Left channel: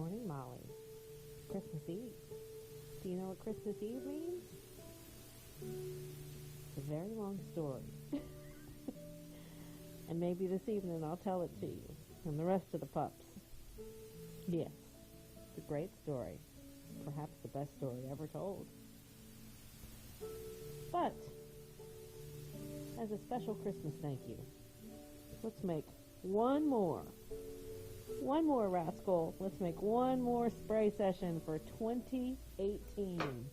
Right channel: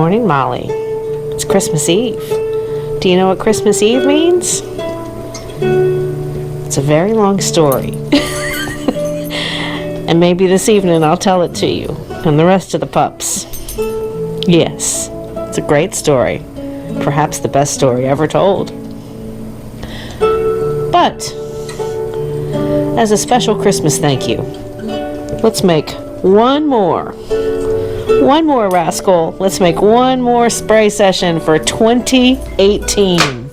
morning, Molly. It's Christmas Eve. Do you know what Christmas Eve means? It's a very long story. And maybe this evening I'll tell it to you and the rest of the pups. Yes, it's a great story. Perhaps the best story ever told. But, as a special Christmas thank you, let's make one more rascal. Let's make one more spray session for 2018.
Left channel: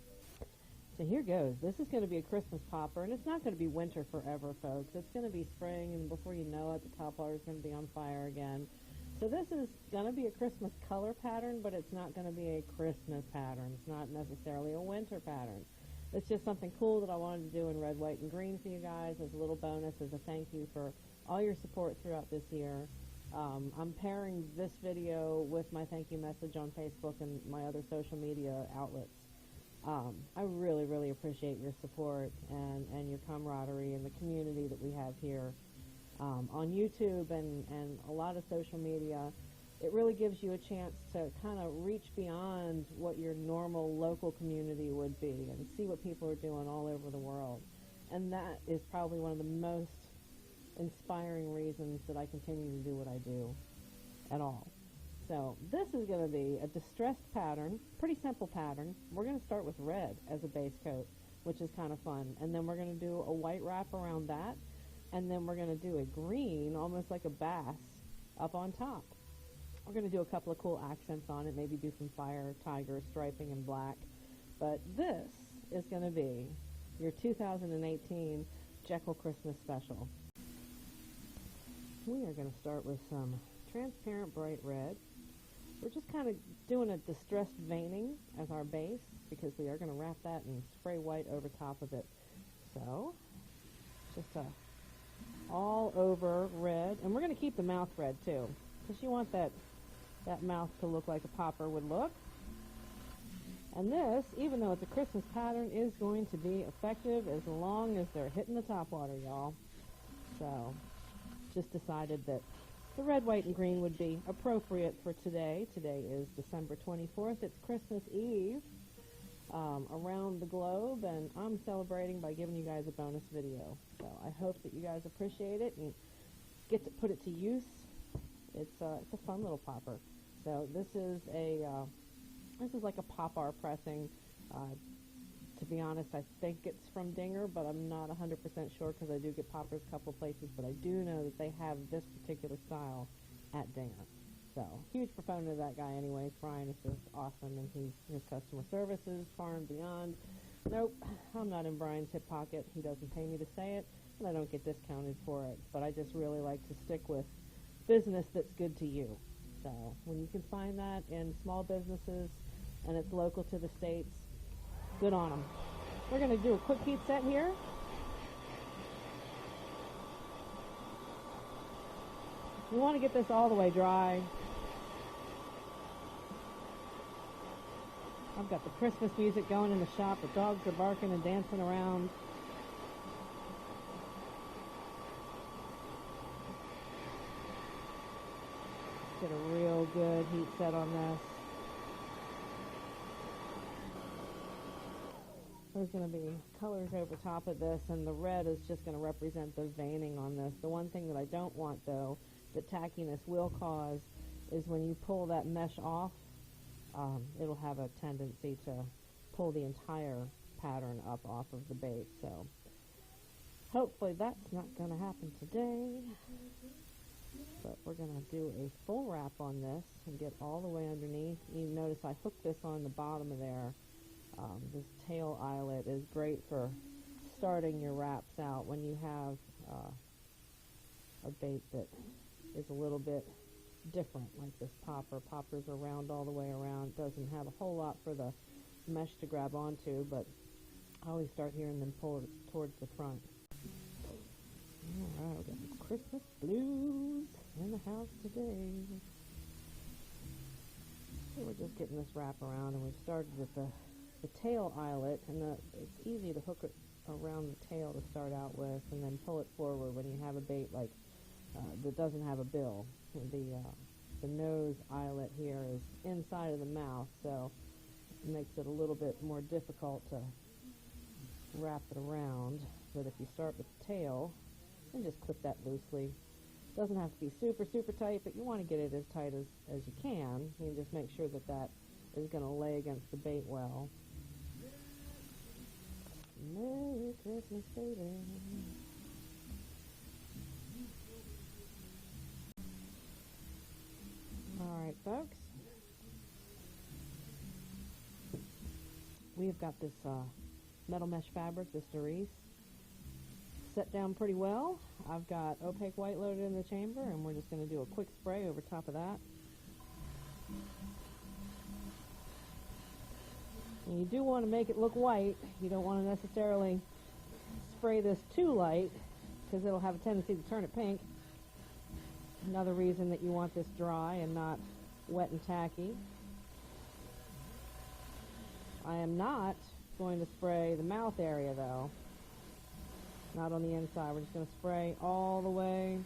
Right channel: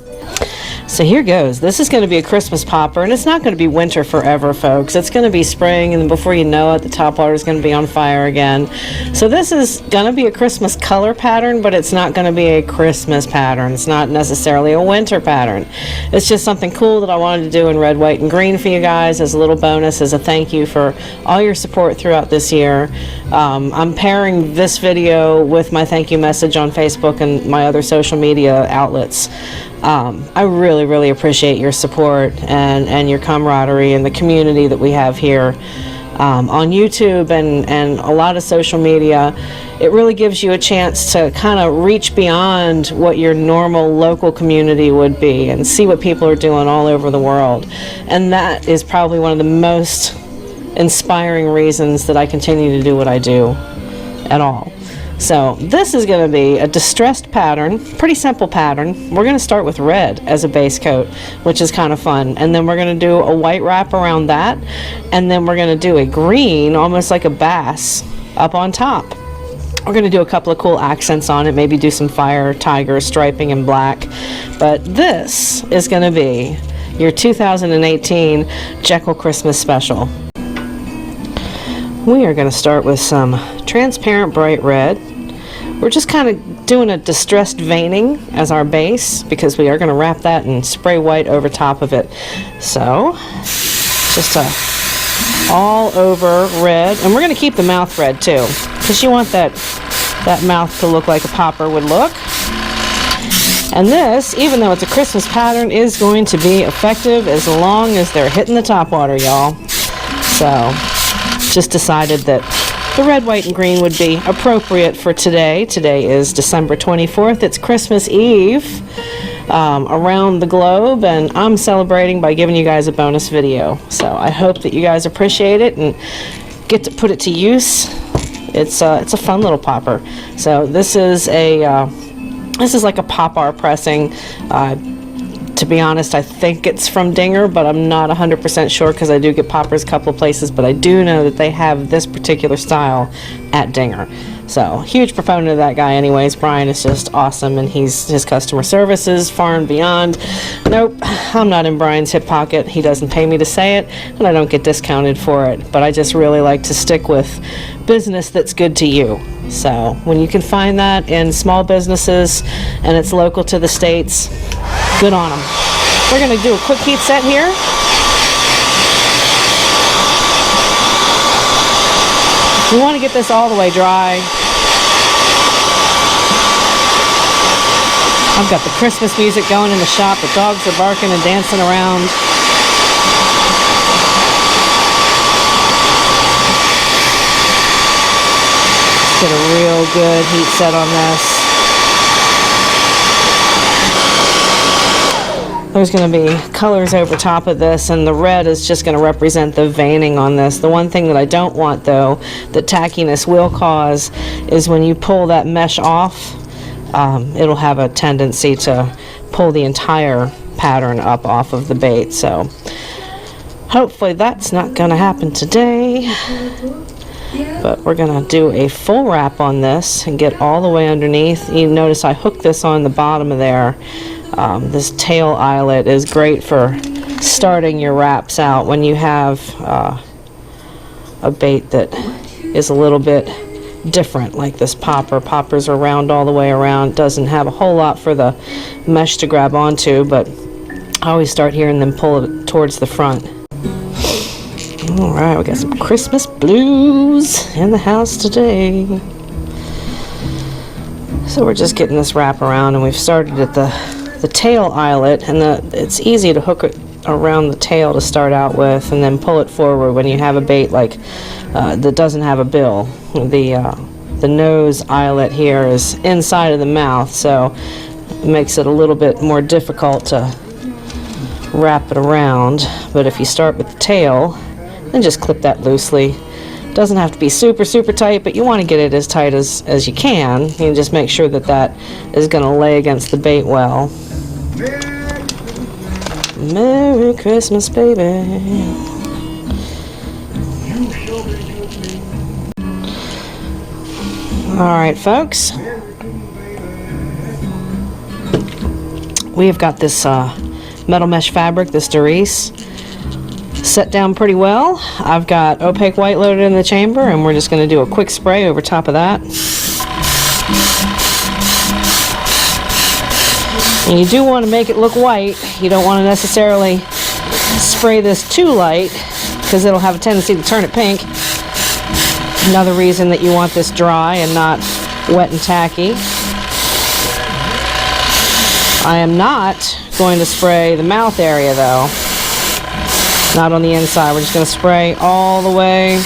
So here goes. This is going to be a Christmas popper, and it's not going to be winter forever, folks. It's going to be spring, and before you know it, the top water is going to be on fire again. So this is going to be a Christmas color pattern, but it's not going to be a Christmas pattern. It's not necessarily a winter pattern. It's just something cool that I wanted to do in red, white, and green for you guys as a little bonus, as a thank you for all your support throughout this year. I'm pairing this video with my thank you message on Facebook and my other social media outlets. I really appreciate your support and your camaraderie and the community that we have here on YouTube and a lot of social media. It really gives you a chance to kind of reach beyond what your normal local community would be and see what people are doing all over the world. And that is probably one of the most inspiring reasons that I continue to do what I do at all. So this is going to be a distressed pattern, pretty simple pattern. We're going to start with red as a base coat, which is kind of fun. And then we're going to do a white wrap around that. And then we're going to do a green, almost like a bass, up on top. We're going to do a couple of cool accents on it, maybe do some fire, tiger, striping, and black. But this is going to be your 2018 Jekyll Christmas special. We are going to start with some transparent bright red. We're just kind of doing a distressed veining as our base because we are going to wrap that and spray white over top of it. So just a all over red, and we're going to keep the mouth red too because you want that mouth to look like a popper would look. And this, even though it's a Christmas pattern, is going to be effective as long as they're hitting the top water, y'all. So just decided that the red, white, and green would be appropriate for today. Today is December 24th. It's Christmas Eve around the globe, and I'm celebrating by giving you guys a bonus video. So I hope that you guys appreciate it and get to put it to use. It's a fun little popper. So this is like a pop-ar pressing. To be honest, I think it's from Dinger, but I'm not 100% sure because I do get poppers a couple of places, but I do know that they have this particular style at Dinger. So, huge proponent of that guy anyways. Brian is just awesome, and his customer service is far and beyond. Nope, I'm not in Brian's hip pocket. He doesn't pay me to say it, and I don't get discounted for it, but I just really like to stick with business that's good to you. So, when you can find that in small businesses and it's local to the States, good on them. We're going to do a quick heat set here. We want to get this all the way dry. I've got the Christmas music going in the shop. The dogs are barking and dancing around. Let's get a real good heat set on this. There's going to be colors over top of this, and the red is just going to represent the veining on this. The one thing that I don't want, though, that tackiness will cause, is when you pull that mesh off, it'll have a tendency to pull the entire pattern up off of the bait. So hopefully that's not going to happen today. But we're going to do a full wrap on this and get all the way underneath. You notice I hooked this on the bottom of there. This tail eyelet is great for starting your wraps out when you have a bait that is a little bit different, like this popper. Poppers are round all the way around. Doesn't have a whole lot for the mesh to grab onto, but I always start here and then pull it towards the front. Alright, we got some Christmas blues in the house today. So we're just getting this wrap around, and we've started at the tail eyelet, and it's easy to hook it around the tail to start out with and then pull it forward when you have a bait like that doesn't have a bill. The the nose eyelet here is inside of the mouth, so it makes it a little bit more difficult to wrap it around. But if you start with the tail, then just clip that loosely. Doesn't have to be super tight, but you want to get it as tight as you can. You can just make sure that that is going to lay against the bait well. Merry Christmas, baby. Alright, folks. We have got this metal mesh fabric, this Doris, set down pretty well. I've got opaque white loaded in the chamber, and we're just going to do a quick spray over top of that. And you do want to make it look white. You don't want to necessarily spray this too light, because it'll have a tendency to turn it pink. Another reason that you want this dry and not wet and tacky. I am not going to spray the mouth area though. Not on the inside. We're just going to spray all the way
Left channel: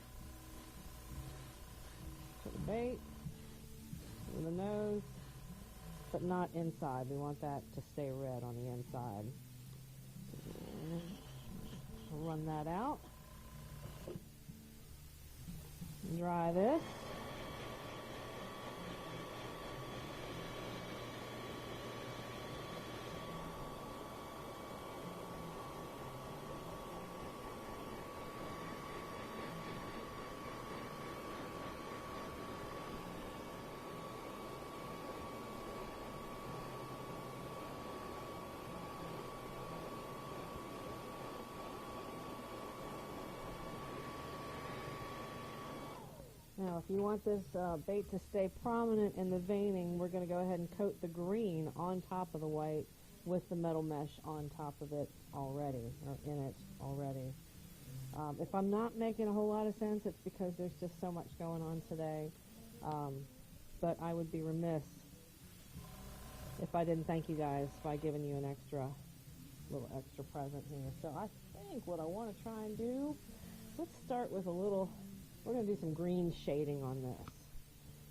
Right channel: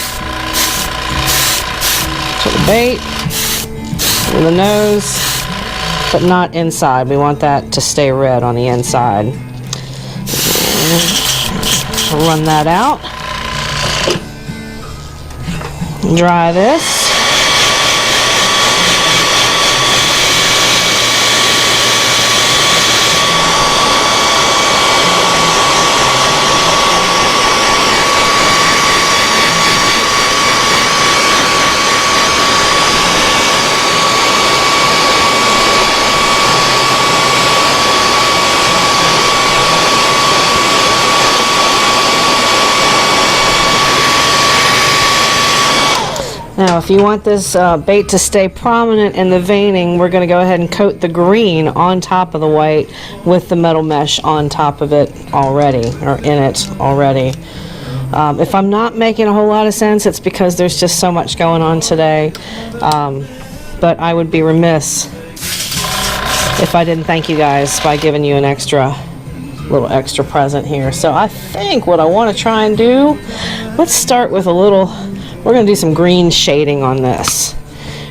to the bait, to the nose, but not inside. We want that to stay red on the inside. Run that out. Dry this. Now, if you want this bait to stay prominent in the veining, we're going to go ahead and coat the green on top of the white with the metal mesh on top of it already, or in it already. If I'm not making a whole lot of sense, it's because there's just so much going on today. But I would be remiss if I didn't thank you guys by giving you an little extra present here. So I think what I want to try and do, let's start with we're going to do some green shading on this.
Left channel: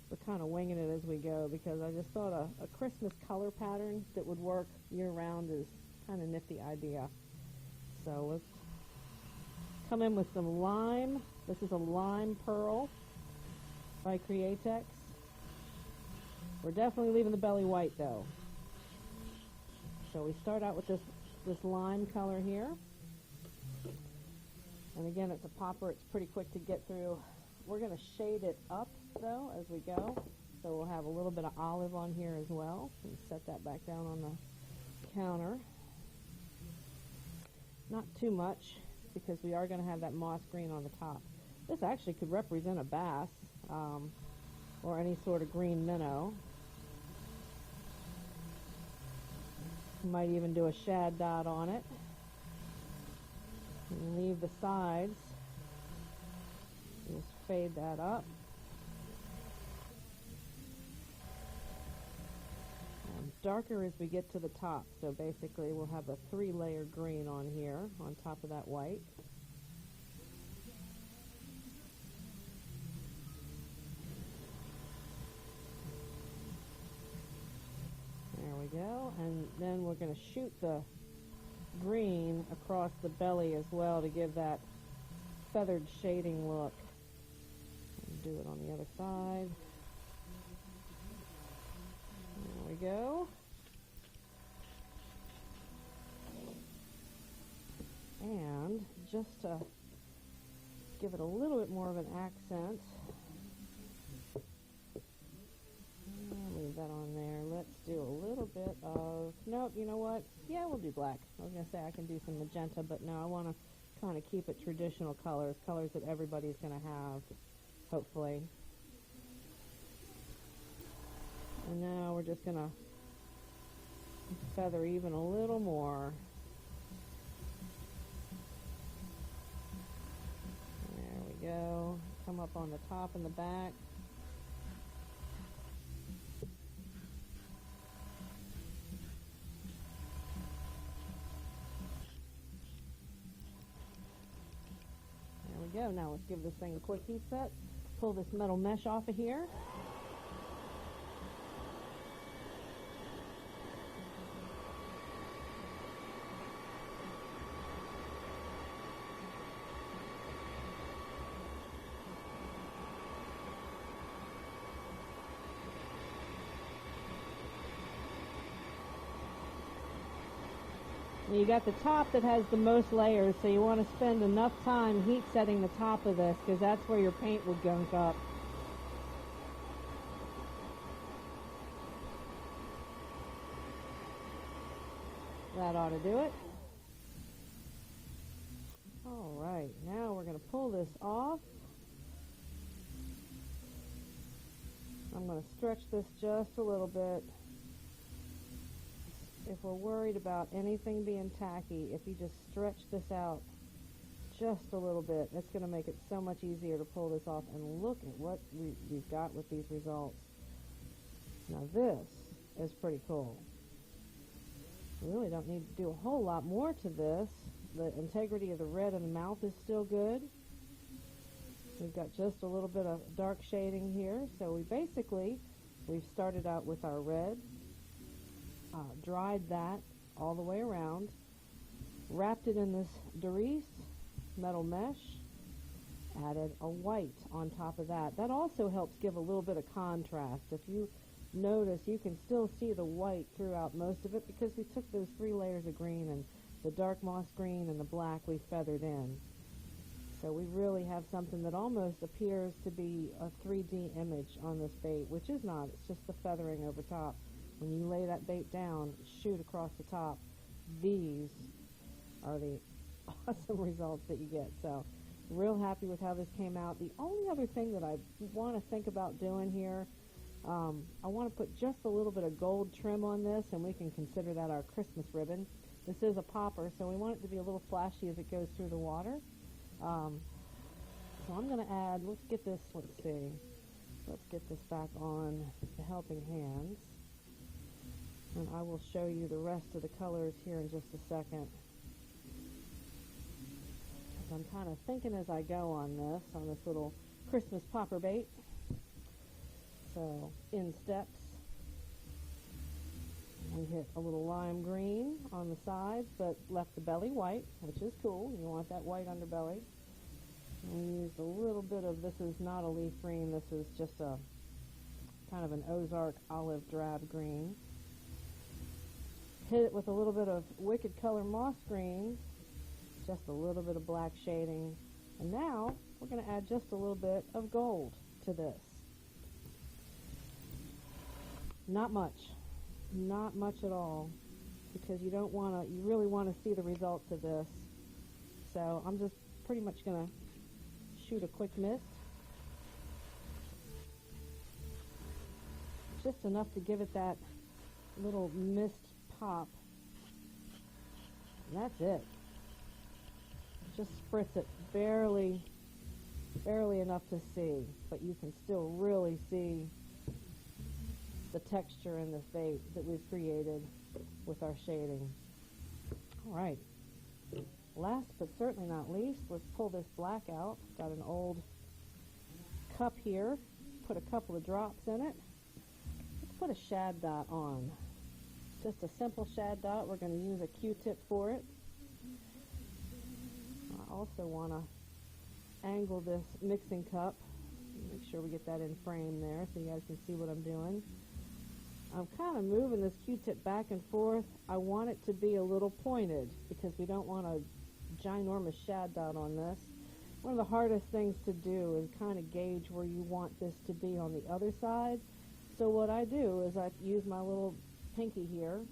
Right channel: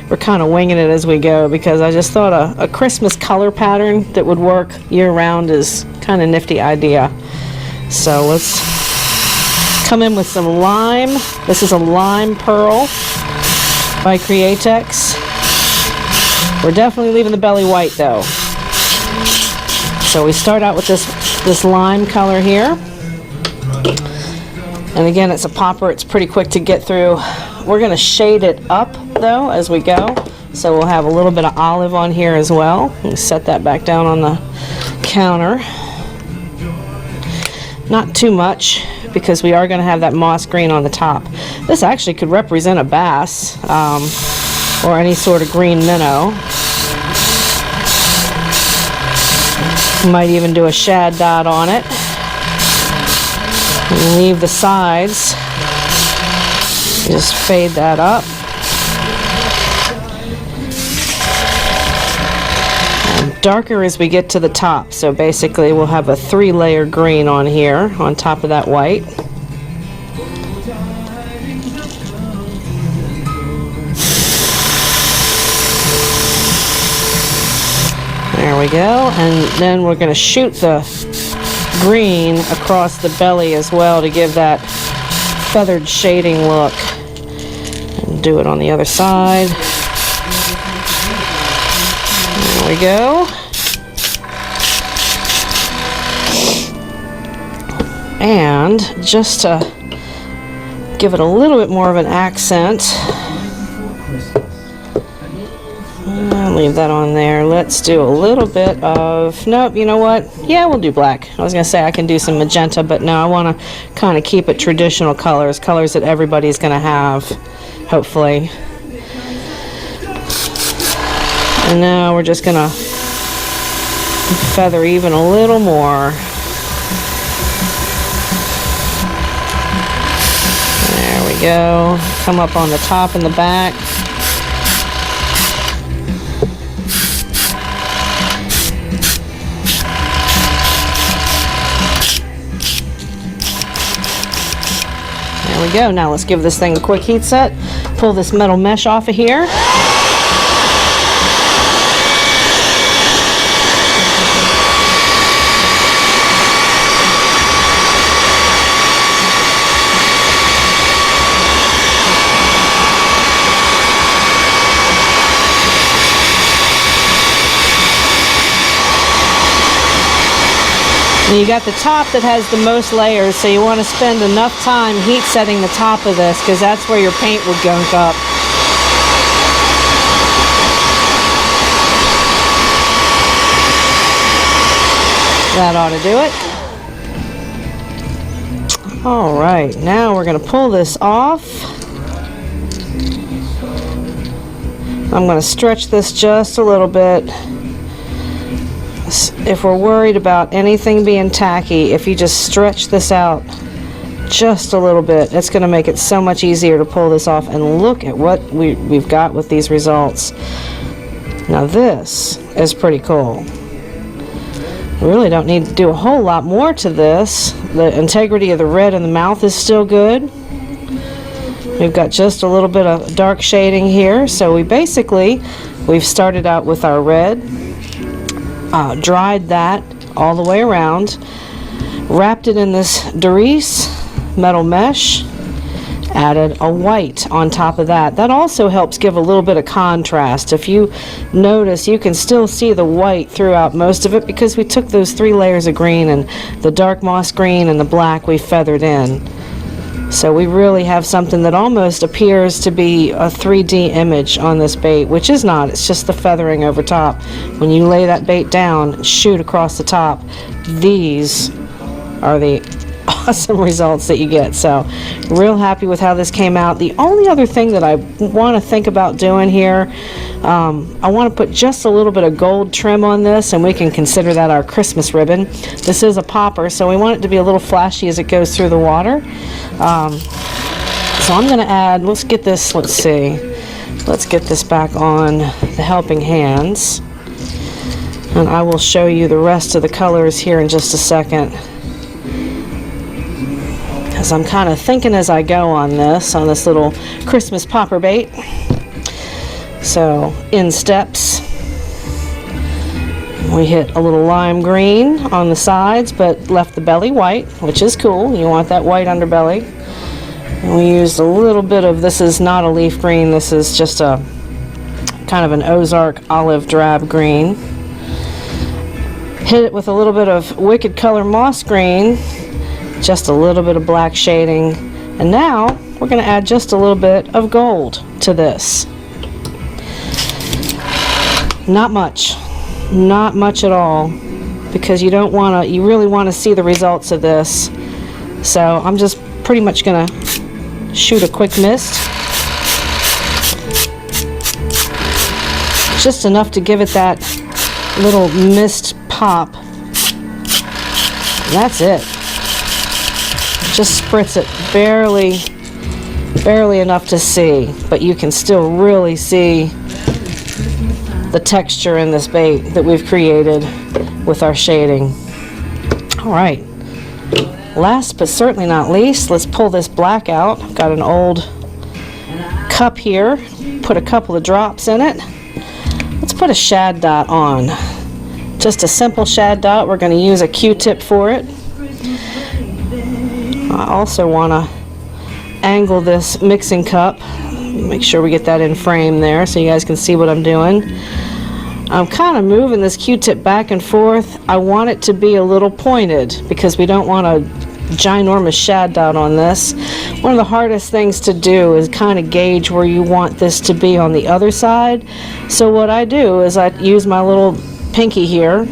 We're kind of winging it as we go, because I just thought a Christmas color pattern that would work year-round is kind of a nifty idea. So let's come in with some lime. This is a lime pearl by Createx. We're definitely leaving the belly white though. So we start out with this lime color here. And again, it's a popper. It's pretty quick to get through. We're going to shade it up, though, as we go. So we'll have a little bit of olive on here as well. We'll set that back down on the counter. Not too much, because we are going to have that moss green on the top. This actually could represent a bass, or any sort of green minnow. Might even do a shad dot on it. Leave the sides. Just fade that up. And darker as we get to the top. So basically we'll have a 3-layer green on here on top of that white. There we go. And then we're going to shoot the green across the belly as well to give that feathered shading look. And do it on the other side. There we go. And just to give it a little bit more of an accent, leave that on there. Let's do a little bit of, nope, you know what? Yeah, we'll do black. I was going to say I can do some magenta, but no, I want to kind of keep it traditional colors that everybody's going to have, hopefully. And now we're just going to feather even a little more. There we go. Come up on the top and the back. There we go. Now let's give this thing a quick heat set. Pull this metal mesh off of here. And you got the top that has the most layers, so you want to spend enough time heat setting the top of this, because that's where your paint would gunk up. That ought to do it. All right, now we're going to pull this off. I'm going to stretch this just a little bit. If we're worried about anything being tacky, if you just stretch this out just a little bit, it's going to make it so much easier to pull this off. And look at what we've got with these results. Now this is pretty cool. We really don't need to do a whole lot more to this. The integrity of the red in the mouth is still good. We've got just a little bit of dark shading here. So we've started out with our red, dried that all the way around, wrapped it in this Doris metal mesh, added a white on top of that. That also helps give a little bit of contrast. If you notice, you can still see the white throughout most of it because we took those 3 layers of green, and the dark moss green and the black we feathered in. So we really have something that almost appears to be a 3D image on this bait, which is not. It's just the feathering over top. When you lay that bait down and shoot across the top, these are the awesome results that you get. So real happy with how this came out. The only other thing that I want to think about doing here, I want to put just a little bit of gold trim on this, and we can consider that our Christmas ribbon. This is a popper, so we want it to be a little flashy as it goes through the water. So I'm going to add, let's get this back on the helping hands, and I will show you the rest of the colors here in just a second, as I'm kind of thinking as I go on this little Christmas popper bait. So in steps, we hit a little lime green on the sides, but left the belly white, which is cool. You want that white underbelly. And we used a little bit of, this is not a leaf green, this is just a kind of an Ozark olive drab green. Hit it with a little bit of Wicked Color moss green, just a little bit of black shading, and now we're going to add just a little bit of gold to this. Not much at all, because you really want to see the results of this. So I'm just pretty much going to shoot a quick mist, just enough to give it that little mist pop. And that's it. Just spritz it barely enough to see, but you can still really see the texture in this bait that we've created with our shading. All right, last but certainly not least, let's pull this black out. I've got an old cup here, put a couple of drops in it. Let's put a shad dot on, just a simple shad dot. We're going to use a Q-tip for it. I also want to angle this mixing cup, make sure we get that in frame there so you guys can see what I'm doing. I'm kind of moving this Q-tip back and forth. I want it to be a little pointed because we don't want a ginormous shad dot on this. One of the hardest things to do is kind of gauge where you want this to be on the other side. So what I do is I use my little pinky here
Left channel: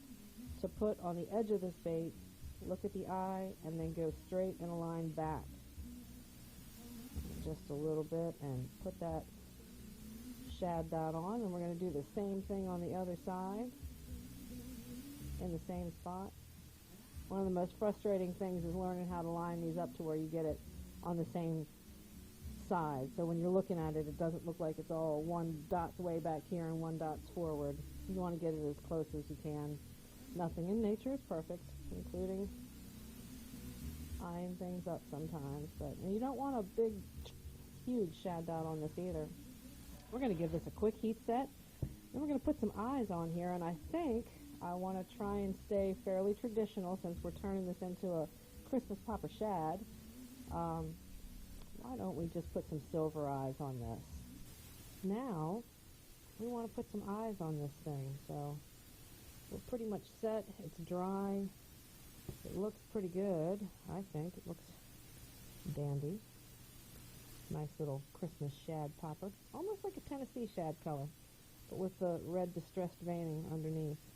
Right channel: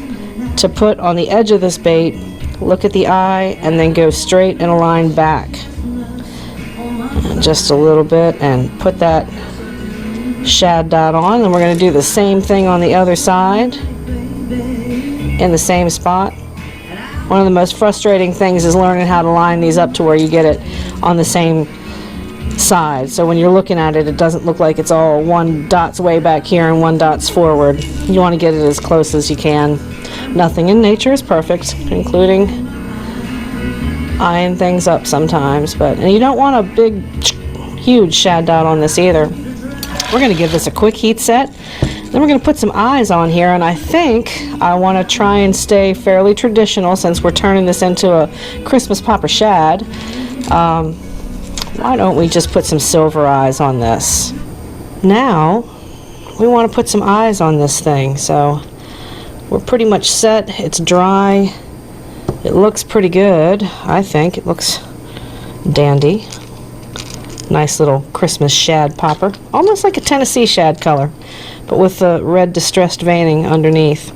to put on the edge of this bait, look at the eye, and then go straight in a line back. And just a little bit, and put that shad dot on. And we're going to do the same thing on the other side in the same spot. One of the most frustrating things is learning how to line these up to where you get it on the same side. So when you're looking at it, it doesn't look like it's all one dot's way back here and one dot's forward. You want to get it as close as you can. Nothing in nature is perfect, including eyeing things up sometimes, and you don't want a big, huge shad dot on this either. We're going to give this a quick heat set. Then we're going to put some eyes on here, and I think I want to try and stay fairly traditional since we're turning this into a Christmas popper shad. Why don't we just put some silver eyes on this? Now, we want to put some eyes on this thing, so we're pretty much set. It's dry. It looks pretty good, I think. It looks dandy. Nice little Christmas shad popper. Almost like a Tennessee shad color, but with the red distressed veining underneath.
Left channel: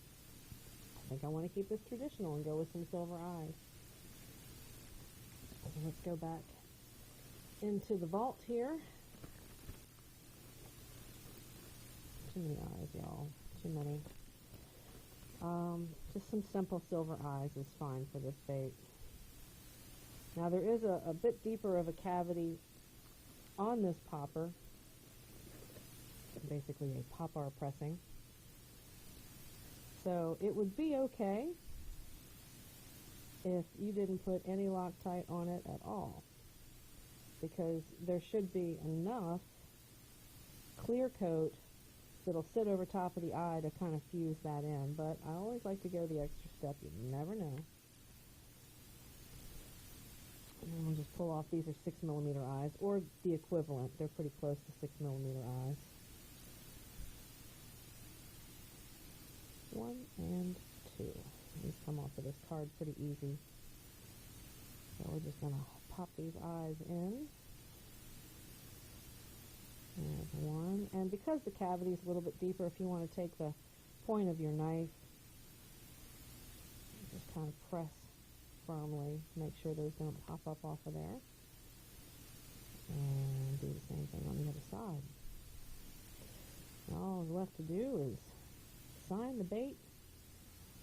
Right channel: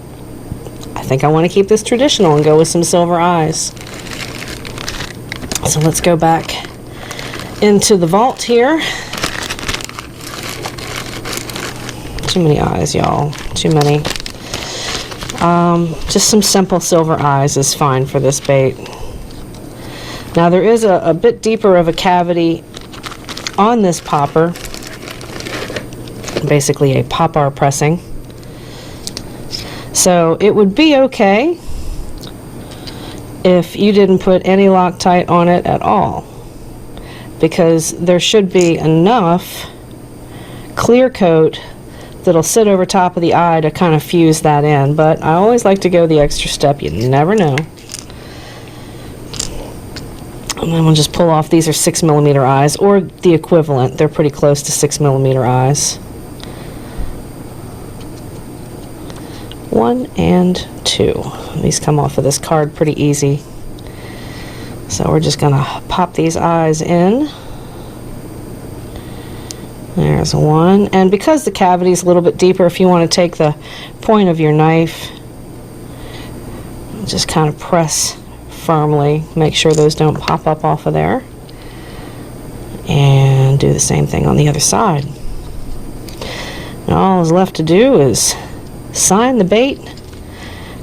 I think I want to keep this traditional and go with some silver eyes. So let's go back into the vault here. Too many eyes, y'all. Too many. Just some simple silver eyes is fine for this bait. Now there is a bit deeper of a cavity on this popper. Basically a popper pressing. So it would be okay if you didn't put any Loctite on it at all, because there should be enough clear coat that'll sit over top of the eye to kind of fuse that in. But I always like to go the extra step. You never know. And then we'll just pull off. These are 6mm eyes, or the equivalent. They're pretty close to 6mm eyes. 1 and 2. These come off of this card pretty easy. So we're just gonna pop these eyes in. There's 1. And because the cavity is a little bit deeper, if you want to take the point of your knife, just kind of press firmly, make sure those don't pop up off of there, and do the same thing on the other side. Now all is left to do is sign the bait,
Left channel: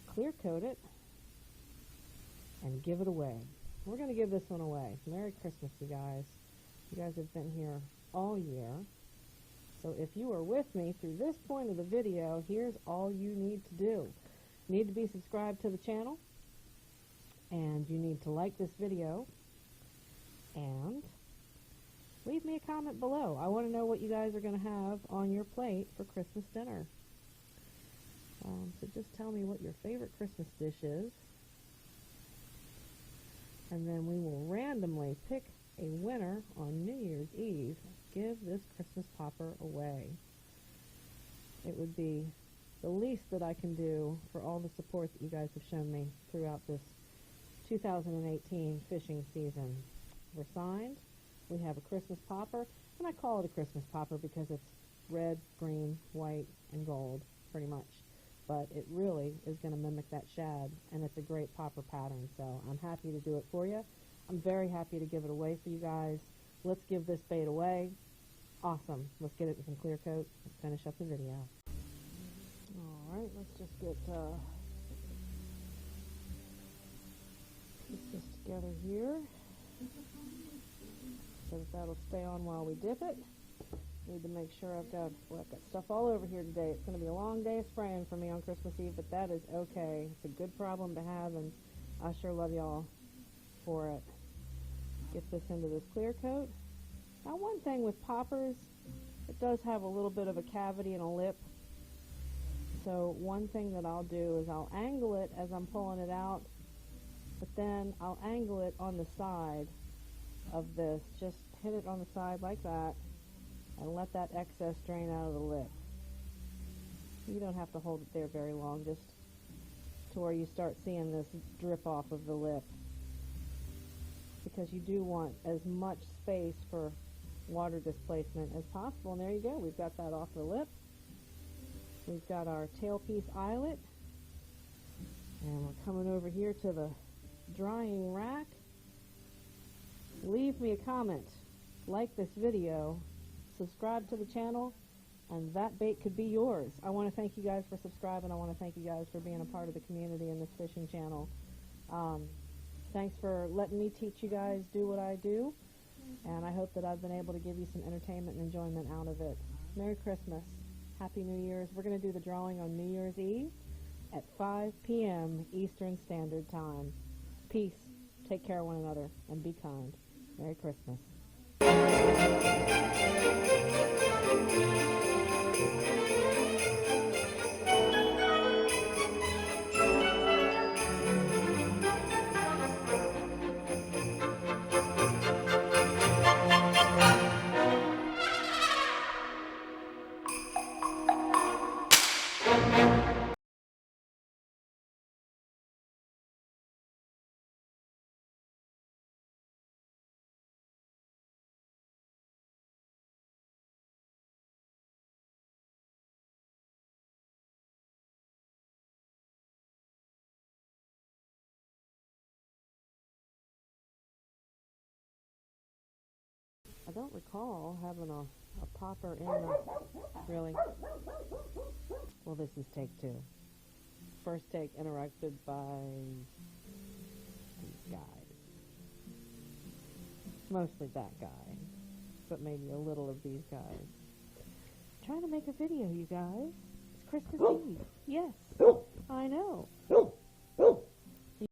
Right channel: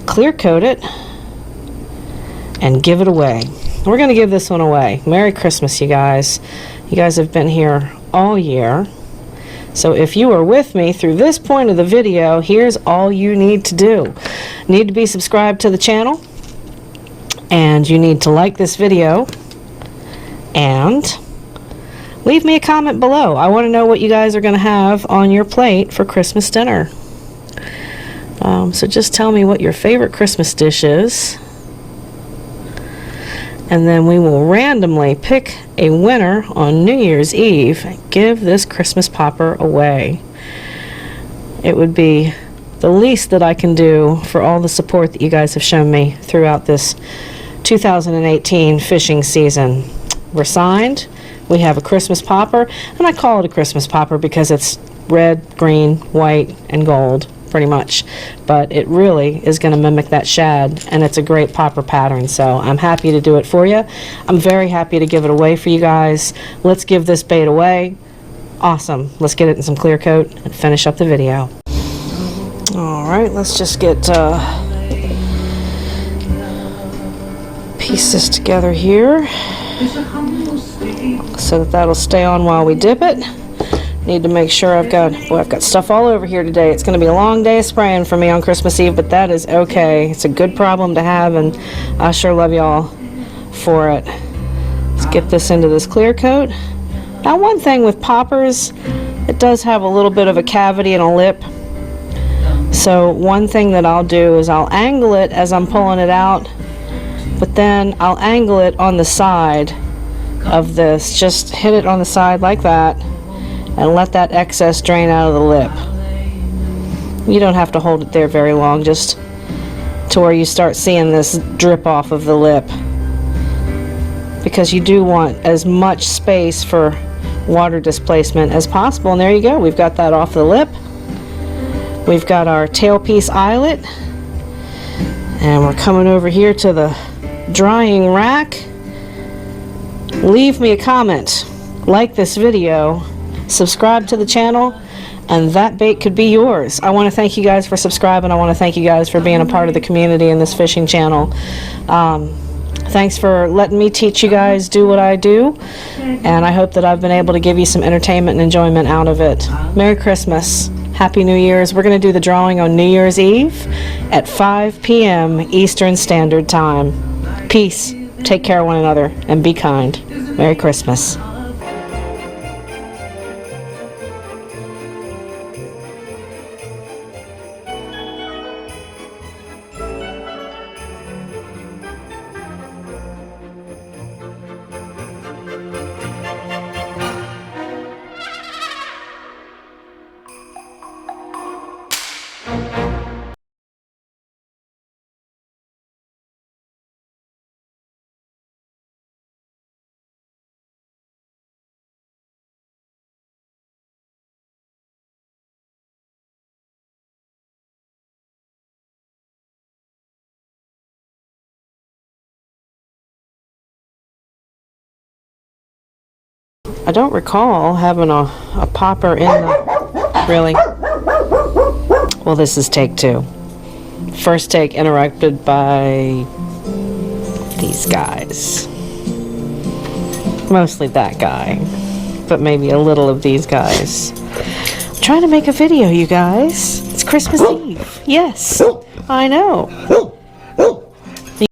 clear coat it, and give it away. We're going to give this one away. Merry Christmas, you guys. You guys have been here all year. So if you are with me through this point of the video, here's all you need to do. You need to be subscribed to the channel, and you need to like this video, and leave me a comment below. I want to know what you guys are going to have on your plate for Christmas dinner. So just tell me what your favorite Christmas dish is, and then we will randomly pick a winner on New Year's Eve and give this Christmas popper away. It would be the least that I can do for all the support that you guys have shown me throughout this 2018 fishing season. We're signed. We have a Christmas popper, and I call it a Christmas popper because it's red, green, white, and gold, pretty much. But it really is going to mimic that shad, and it's a great popper pattern, so I'm happy to do it for you. I'm very happy to give it away for you guys. Let's give this bait away. Awesome. Let's get it in some clear coat and finish up the video. Alright, let's just get piece this together here so that that'll stay on while we dip it. Need to make sure I've got stuff all over here today. It's going to be a long day of spraying for me on Christmas Eve, but that is okay. It's a good problem to have, and I sure love y'all for it. Let's get this into this clear coat. Now, one thing with poppers, it does have a little bit of a cavity and a lip. So one thing that I'll do is I'll angle it as I'm pulling it out, but then I'll angle it on the side of this. Just hit it on the side like that and let that excess drain out of the lip. You don't have to hold it there very long, just to where you start seeing this drip off of the lip, because you do want as much space for water displacement as possible. And there you go, we've got that off the lip. We've got our tailpiece eyelet, and we're coming over here to the drying rack. Leave me a comment, like this video, subscribe to the channel, and that bait could be yours. I want to thank you guys for subscribing. I want to thank you guys for being a part of the community in this fishing channel. Thanks for letting me teach you guys do what I do, and I hope that I've been able to give you some entertainment and enjoyment out of it. Merry Christmas. Happy New Year's. We're going to do the drawing on New Year's Eve at 5 p.m. Eastern Standard Time. Peace. Take care of one another and be kind. Merry Christmas. I don't recall having a popper in the... Really? Well, this is take 2. First take interrupted by these guys. Mostly that guy, but maybe a little of these guys. I'm trying to make a video, you guys. It's Christmas Eve. Yes, I know.